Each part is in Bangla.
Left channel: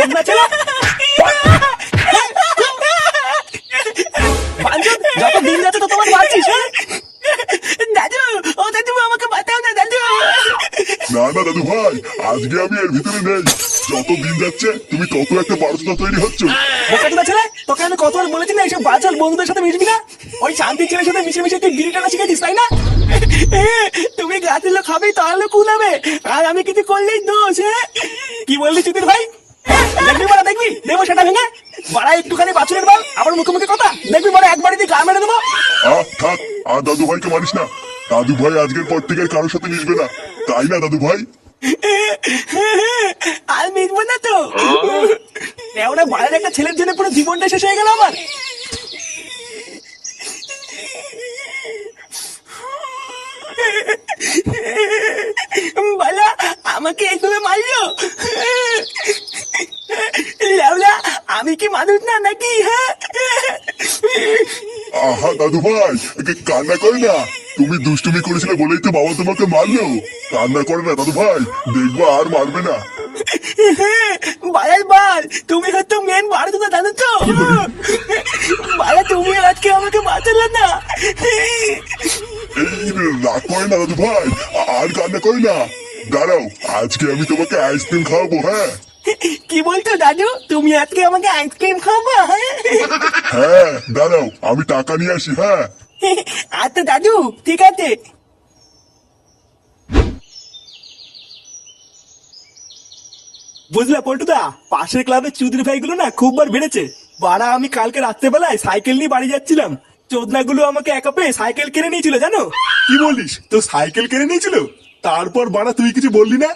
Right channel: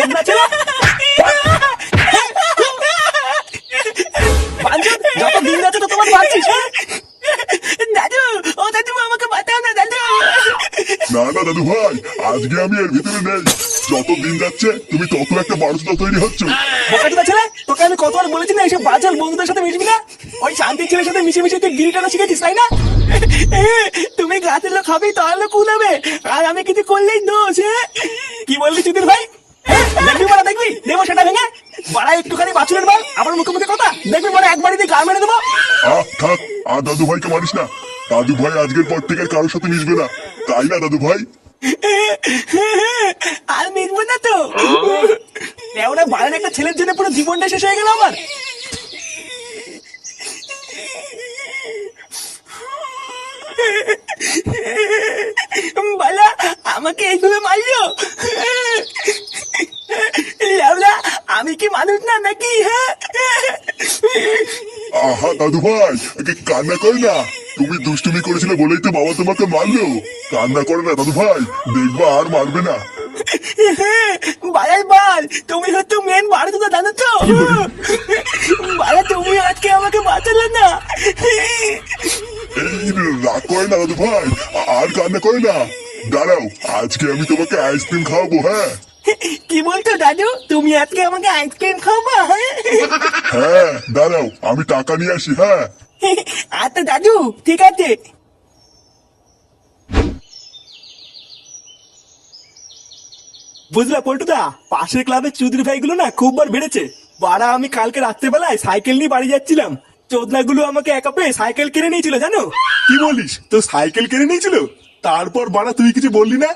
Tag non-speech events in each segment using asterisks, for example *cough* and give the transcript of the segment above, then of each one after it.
ছেলে বাঁচাও না নেই। যত দিন ছেলে আমি কতবার বলেছি না এইসব বাচাল বন্ধুদের সাথে মিশবি না? ওই শান্তির ছেলের সাথে মিশে মিশে তুই গিরিটানা শিখেছিস তাই না? তুমি গাছের লোক হবে তাহলে কুলাবে। আর আমি কিছু করলেই দোষ হ্যাঁ? কি বললি চুদির ভাই? দেখবি বড় দেখবি? দেবো সেটা ভেঙে। বাড়া একটুখানি বাছুরের বল আবার মুখে মুখে কথা। দেখবি বড় একবারই দিয়ে গা মেরে দেবো। আহ থাক আর দাদু ভাইকে মারিস না। দাদু ভাই আজকের পর থেকে আর কারোর সাথে মিশবে না। তাই না দাদু ভাই? আর মিটবো না তো। ওরা বাইরের একটা ছেলের জন্য পুরো জীবনটা শেষ হয়ে গেল আমার। বলা আমাকে এইভাবে মারলো? *laughs* লেওলা আমি কি মানুষ না নাকি হ্যাঁ? আহা দাদু ভাই কান্না করে না। তুমি দুষ্টুমি করেছিলে বলেই তো বাবা তোমাকে মারলো। কান্না করে না দাদু ভাই দেখবা আর মারবে না। *laughs* বালাই বাল তুমি হয়তো মেন বাড়ি তো জানো তো? বালা তুমি আজকে আমাকে বাঁচালে না। এই রাগ করে না দাদু ভাই আর কান্না করে না। দাঁড়াও আজকে আমি তোমাকে আইসক্রিম খাওয়াবো হ্যাঁ? কি বলছো দাদু? তুমি আজকে আমাকে আইসক্রিম খাব হ্যাঁ দাঁড়াও আমি টাকা নিয়ে আসি হ্যাঁ। আচ্ছা দাদু ঠিক আছে। বুঝলা পল্টুদা পাশের ক্লাবের চৌধুরী ভাইগুলো না খুব বার বেড়েছে। বাড়া আমি কালকে রাত্রেবেলায় সাইকেল নিয়ে বাড়ি যাচ্ছিলাম। চোদনাগুলো আমাকে একা পেয়ে সাইকেল কিনে নিয়েছিল জানো? কি বলিস? তো সাইকেল কিনে নিয়েছিল? তারপর বাড়া তুই কিছু বললি না?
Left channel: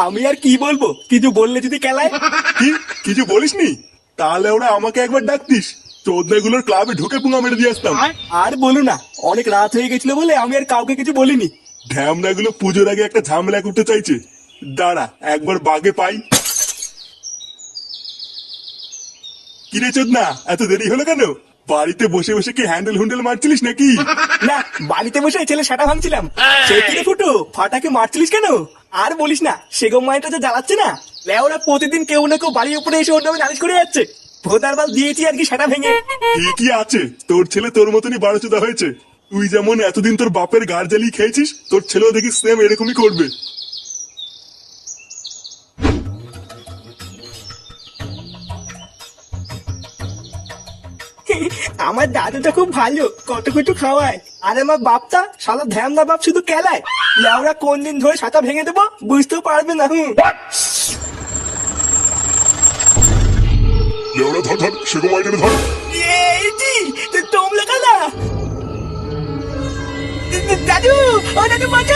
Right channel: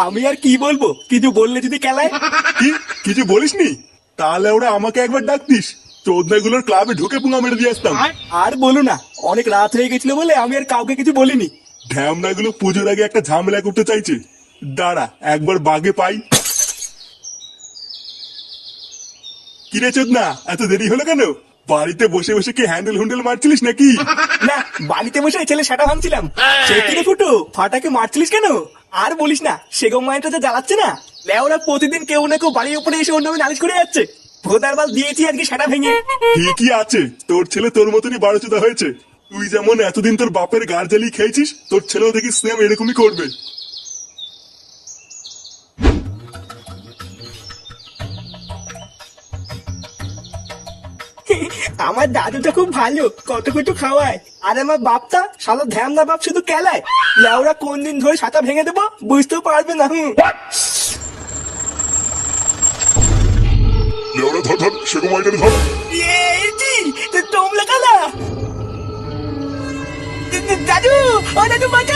আমি আর কি বলব? কিছু বললে যদি খেলায়? কি? কিছু বলিসনি তাহলে ওরা আমাকে একবার ডাকতিস। চোদনাগুলোর ক্লাবে ঢুকে পুঙ্গা মেরে দিয়ে আসতাম। আর? বলো না অনেক রাত হয়ে গেছিল বলে আমি আর কাউকে কিছু বলিনি। ঢ্যামনাগুলো পুজোর আগে একটা ঝামেলা করতে চাইছে। দাঁড়া একবার বাগে পাই। কিরে চোদনা এত দেরি হলো কেন? বাড়িতে বসে বসে কি হ্যান্ডেল হুন্ডেল মারছিলিস নাকি? না বাড়িতে বসে ছেলে সেটা ভাঙছিলাম। সে কি ফুটু ফাটাকে মারছিলিস কেন? আর বলিস না, সেগম মাইনটা যে জ্বালাচ্ছে না? লেওরা প্রতিদিন কেউ না কেউ বাড়ির উপরে এসে অন্য নালিশ করে যাচ্ছে। ভোটার দিয়েছি আর কি সেটা ভেঙে। ঠিকই আছে, তোর ছেলে তোর মতনই বারোচোদা হয়েছে। তুই যেমন এতদিন তোর বাপের গার্জালি খেয়েছিস, তোর ছেলেও দেখি সেম এরকমই করবে। আমার দাদু তো খুব ভালো কত কিছু খাওয়ায়। আর আমার বাপটা শালা ধ্যান না বাপ শুধু খেলায়। লেওরা কোন দিন ধরে ছাতা ভেঙে দেবো বুঝতেও পারবে না হুম। ধর ধর ধর। তোমরা কালা দাদু ও দাদু বাঁচাও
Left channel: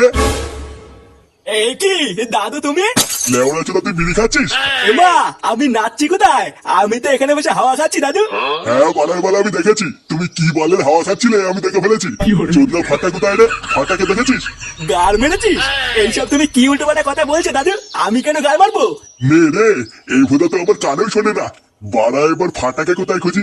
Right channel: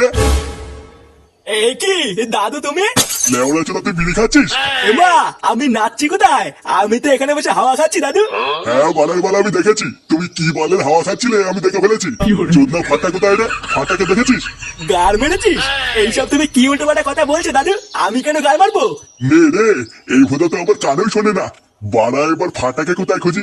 রে? এই কি? দাদু তুমি? লেওড়া চোদা তুই বিড়ি খাচ্ছিস? এমা আমি নাচছি কোথায়? আমি তো এখানে বসে হাওয়া খাচ্ছি দাদু। হ্যাঁ বালার বালা আমি দেখেছি। তুমি কি বলের হাওয়া খাচ্ছিলে আমি দেখে ফেলেছি। চোদ্দা ফাটা কোথায় রে? ফাটাকে দেখেছিস? গার মেরেছিস? এইসব তুমি কি উল্টো কথা বলছো দাদু? আমি কেন গার মারবো? নে রে এই ভোদা তো আবার কানেও শোনে না। বাড়া এবার ফাটাকে কোথায় খুঁজি?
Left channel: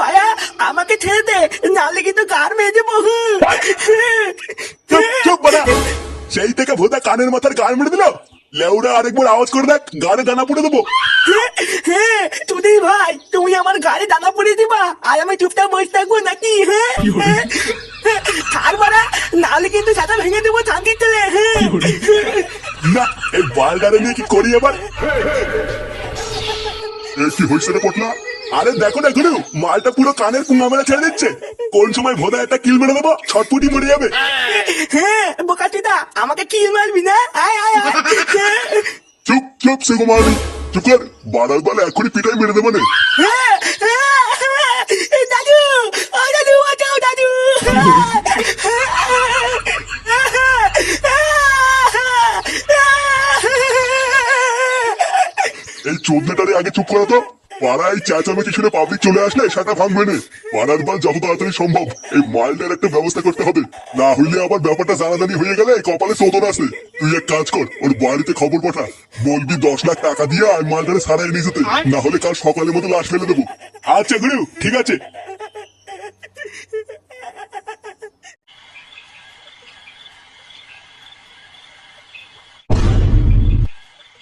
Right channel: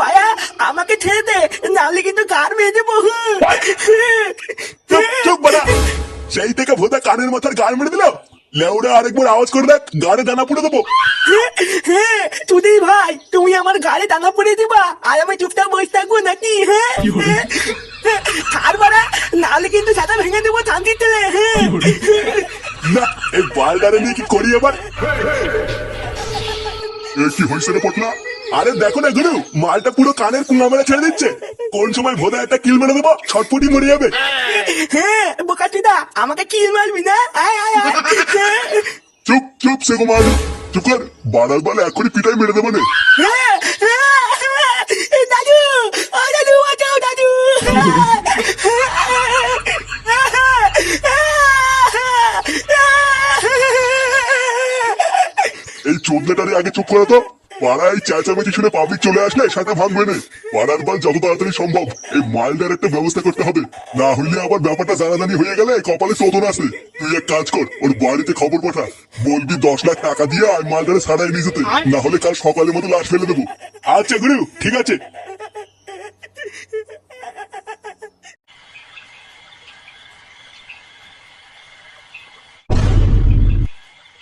মায়া আমাকে ছেড়ে দে নাহলে কিন্তু গার মেজে বহু। সেই থেকে ভোদা কানের মাথার গান মেরে দিল লেউরা আরেকবার আওয়াজ করে দেখ গাড়ে দানা পড়ে দেবো। হ্যাঁ তুই ভাই তুমি আমার গাড়ি দানা পুড়ে দিবা? আর আমি চুপটা বসে থাকব নাকি? হ্যাঁ ছাড় বড়া নাহলে কিন্তু সাদা ভেঙে দেবো থাম দিতে হ্যাঁ না এই বালডারে নিয়ে কি করি আবার? এ কি হয়েছে রে পটনা আরে দেখো না গুরু মালটা পুরো কানের মেরে ছেড়ে দিচ্ছে। কোন সময় ভোদা একটা কিল মেরে দেবো ছটপটি মরে যাবে। হ্যাঁ বোকাটিদা আমাকে কিল মারবি না? হ্যাঁ, চুপ চুপ সে কুমার। চুপ কর বাড়ার বালে এখনই পিটাই মেরে দেবো নে। দাদু ও দাদু বাঁচাও দাদু এই চোদনাটারে আগে চুপ করে তো পাড়ায় চেঁচামেচি শুনে পাবলিক চলে আসলে সেটা ভাঙবে না। পাড়ার বাল যত তাড়াতাড়ি সম্ভব, এই মালটার একটা ব্যবস্থা করতে হবে। না হইলে আবার ব্যাপারটা জানাজানি হয়ে গেলে কপালে চোদন আসে তুই এক কাজ কর, ওর বাড়িতে খবর পাঠা। বলবি দশ লাখ টাকা দিয়ে আর মালটারে সারাই নিয়ে যেতে। না হলে কাল সকালের মতো লাশ ফেলে দেবো। আচ্ছা গুরু, ঠিক আছে।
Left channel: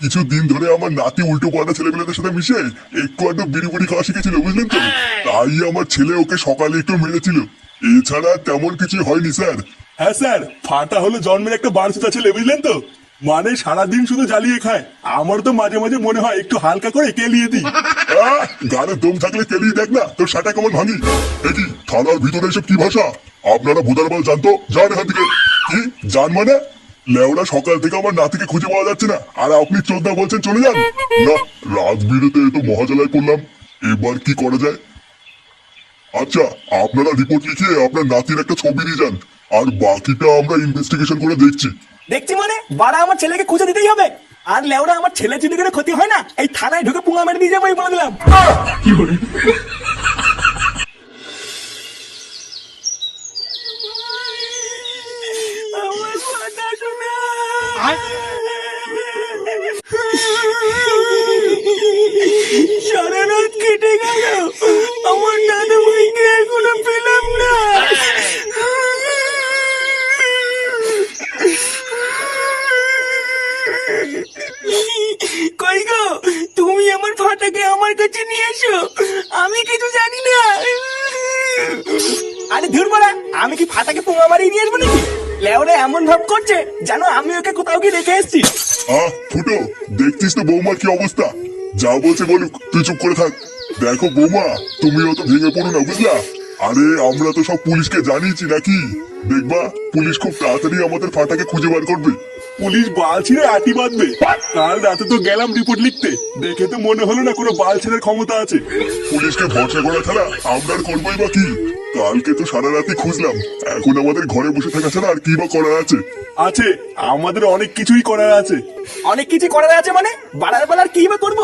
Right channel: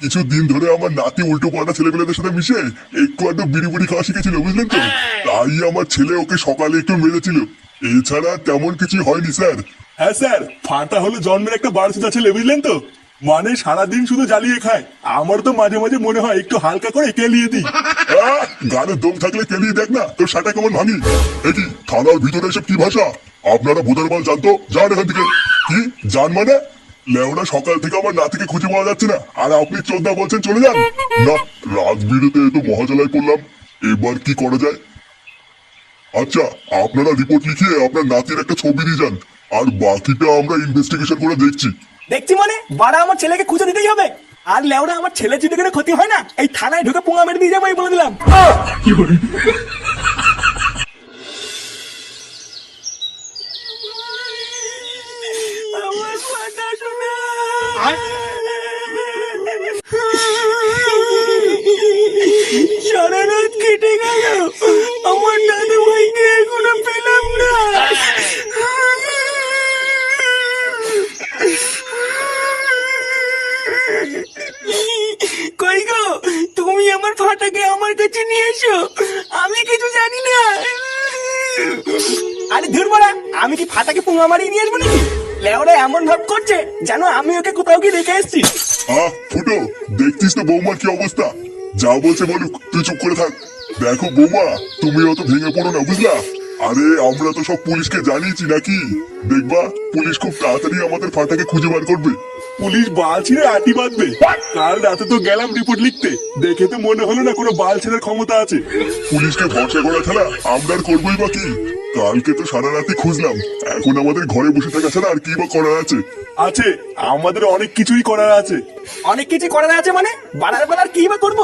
কিছু দিন ধরে আমার নাতি উল্টো পাল্টা ছেলেগুলোদের সাথে মিশে একটু একটু বিড়ি বুড়ি খাওয়া শিখেছিল বুঝলেন তো? তাই আমার ছেলে ওকে সকালে একটু মেরেছিল। এছাড়া তেমন কিছু হয়নি স্যার। হ্যাঁ স্যার ফাটা হলো জন্মের একটা বারসুতা ছেলে বুঝলেন তো? মানে সারাদিন শুধু জ্বালিয়ে খায়। আমার তো মাঝে মাঝে মনে হয় একটু হালকা করে কেলিয়ে দিই। গানে দম থাকলে কেলিয়ে দেখ না তোর সাটা কেমন ভাঙি। দেখি থানার ভিতরে এসব কি ভাষা? আপনারা ভোটার বল জানতো? যান এখান থেকে। কি জান মানে? লেওরা সকাল থেকে আমার নাতিকে খুঁজে পাওয়া যাচ্ছে না। আর আপনি চোদ্দা বলছেন চলে যান? না রাত বিরেতে একটু মহাজলায় পড়লাম। এবার কি করা যায়? আচ্ছা আপনারা রিপোর্ট লিখিয়ে আপনার নাতির একটা ছবি দিয়ে যান। আর বাকিটা আমরা ইনভেস্টিগেশন করে দেখছি। দেখছি মানে? বাড়া আমার ছেলেকে খুঁজে দিতেই হবে। আর লেওরা আমার ছেলে যদি কোনো ক্ষতি হয় না? এই থানায় ঢুকে পুঙা মেরে দিয়ে যাব বলে দিলাম। কি আমার কই গো? তুমি আমার ফাটাকে আমার কাছে নিয়ে এসো। আমি কিছু জানি না। আরে ধুর বলা আমি কি ফাটাকে পুঙা মারিয়ে নিয়ে আসব নাকি? লেওরা এমন ভাব করছে জানো আমি ওকে কোথাও কি রেখে এসেছি। আহ ফুটো দেখছিস তো বৌমার কি অবস্থা? যা বলছে বলুক তুই চুপ করে থাক। দেখো বৌমা তুমি অত ভেঙে পড়ো না বুঝলা? আরে আমরা তো সব পুলিশকে জানিয়েছি নাকি? দেখবা পুলিশ খুব তাড়াতাড়ি আমাদের ফাটাকে খুঁজে বার করবে। পুলিশ বাল ছিঁড়ে আটি বাঁধবে। কাল রাতে তো গেলাম রিপোর্ট লিখতে। দেখে তো মনে হলো না কোনো বাল ছেড়ে ক্ষমতা আছে। পুলিশকে ভরসা করা ছাড়া আমরা আর করবোই বা কি? কালকে তো সারা রাতে খুঁজলাম। এখন আমাদের ঘরে বসে থাকা ছাড়া আর কি বা করা আছে? আছে আমাদের অনেক কিছুই করার আছে। অনেক কিছু করার আছে মানে? বাড়ার বেলার কি বা করব?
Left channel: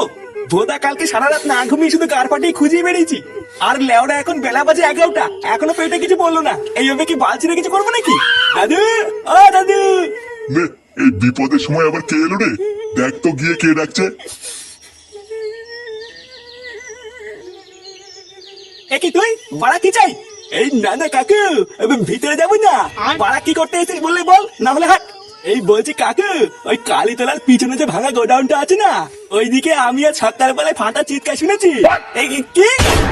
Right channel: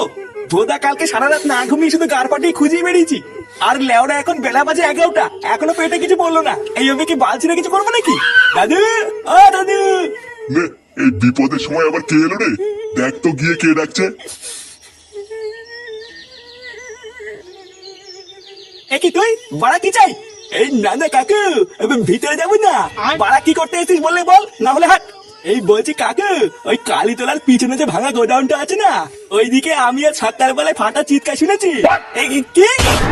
ভোদা কালকে সারা রাত না ঘুমিয়ে শুধু গার পাটিয়ে খুঁজেই বেরিয়েছি। আর লেওরা এখন বেলা বাজে এগারোটা। এখনও পেটে কিছু বলল না। এইভাবে কি বাল ছিঁড়ে কিছু করব নাকি? দাদু! ও দাদু! এই বিপদের সময় আবার কে এলো রে? দেখ তো গিয়ে কে ডাকছে। কি তুই? বাড়া কি চাই? এই না না কাকু আমি ভিতরে যাব না। বাড়া কি করতে এসেছিস বললে বল না হলে হাট। এই বলছি কাকু ওই কালীতলার পিছনে যে ভাঙা গোডাউনটা আছে না ওইদিকে আমি আর সত্তার বেলায় ফাটা চিৎকার শুনেছি। এই কি-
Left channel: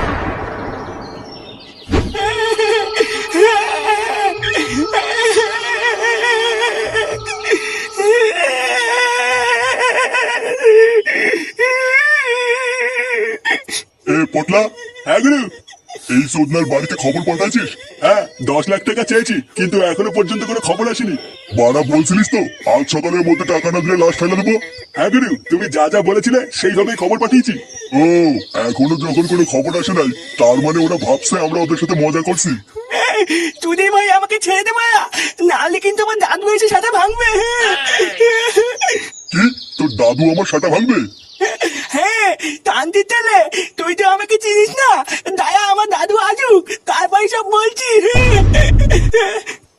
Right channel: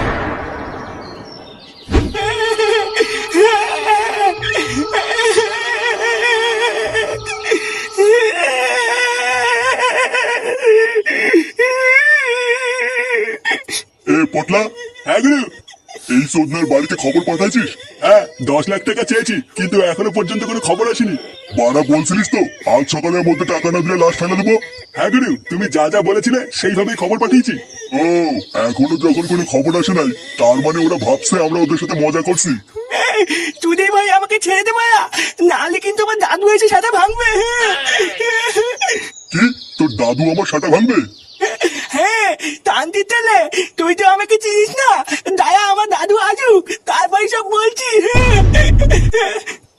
এই সোদনার বাড়িতে খবর পাঠাইছিস? হ্যাঁ দশ লাখ টাকা চেয়েছি কিন্তু এখনও পর্যন্ত কোনো খবর আসেনি। বাড়া বলছিলিস তো আজ সকালের মধ্যে টাকা না দিলে লাশ ফেলে দেবো? হ্যাঁ গুরু তুমি যা যা বলেছিলে সেইভাবেই খবর পাঠিয়েছি। ও এখনও যখন কোনো খবর আসে নাই তার মানে ওরা ভাবছে আমরা ওদের সাথে মজা করছি। চুদি ভাই আমাকে ছেড়ে দে ভাইয়া নাহলে কিন্তু আমার দাদু এসে সাথে ভাঙবে। কি? তোর দাদু আমার সাটা ভাঙবে? হ্যাঁ তান্তির ছেলে তুই তো আমাকে চিনিস না। দায়া আমার দাদু আসুক। তারপরে সব বলছি।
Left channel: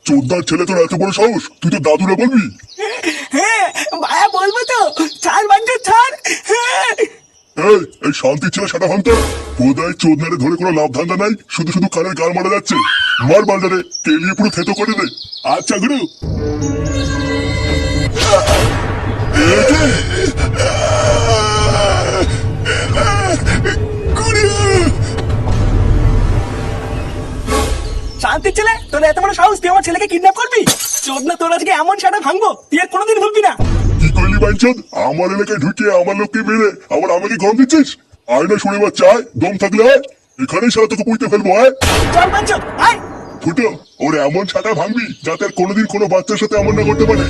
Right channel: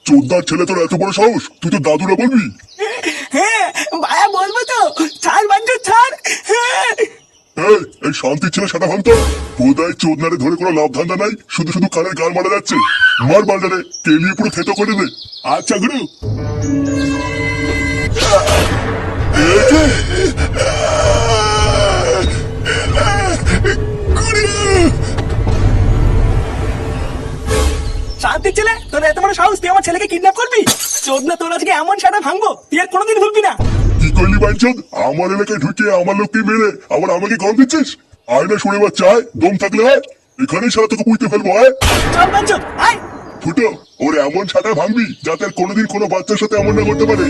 চোদ্দার ছেলে তোর এত বড় সাহস? তুই তো দাদুরা বলবি? হ্যাঁ ভাইয়া বলব তো। ছাড় বাঞ্চো ছাড়। এই শান্তির ছেলে সেটা ভাঙতো বোধহয় চোদনারে ধরে কোনো লাভ ধান্দা নাই। শুধু শুধু কানের গাল মারা যাচ্ছে। মার বাজারে কেলিয়ে পুরো থেতো করে দে। আচ্ছা গুরু। শান্তির ছেলে তোর এত বড় সাহস তুই আমার ছেলেকে কিডন্যাপ করবি? চোদ না তোর আজকে এমন সাটা ভাঙবো তুই আর কোনোদিন ভুলবি না। কি করলি আমার এলাকায় ঢুকে আমার লোককে মেরে আবার আমাকে গরম দিচ্ছিস? আয়না শুনে বা চায় দম থাকলে আয়। এখানেই সারা তোকে বুঝতে ফেলব আয়। চল বাঞ্চো আয়। ফুটো ওর এমন ছাটা ভাঙবি যাতে আর কোনোদিন কোনো বাচ্চার সাথে এমন না করতে পারে।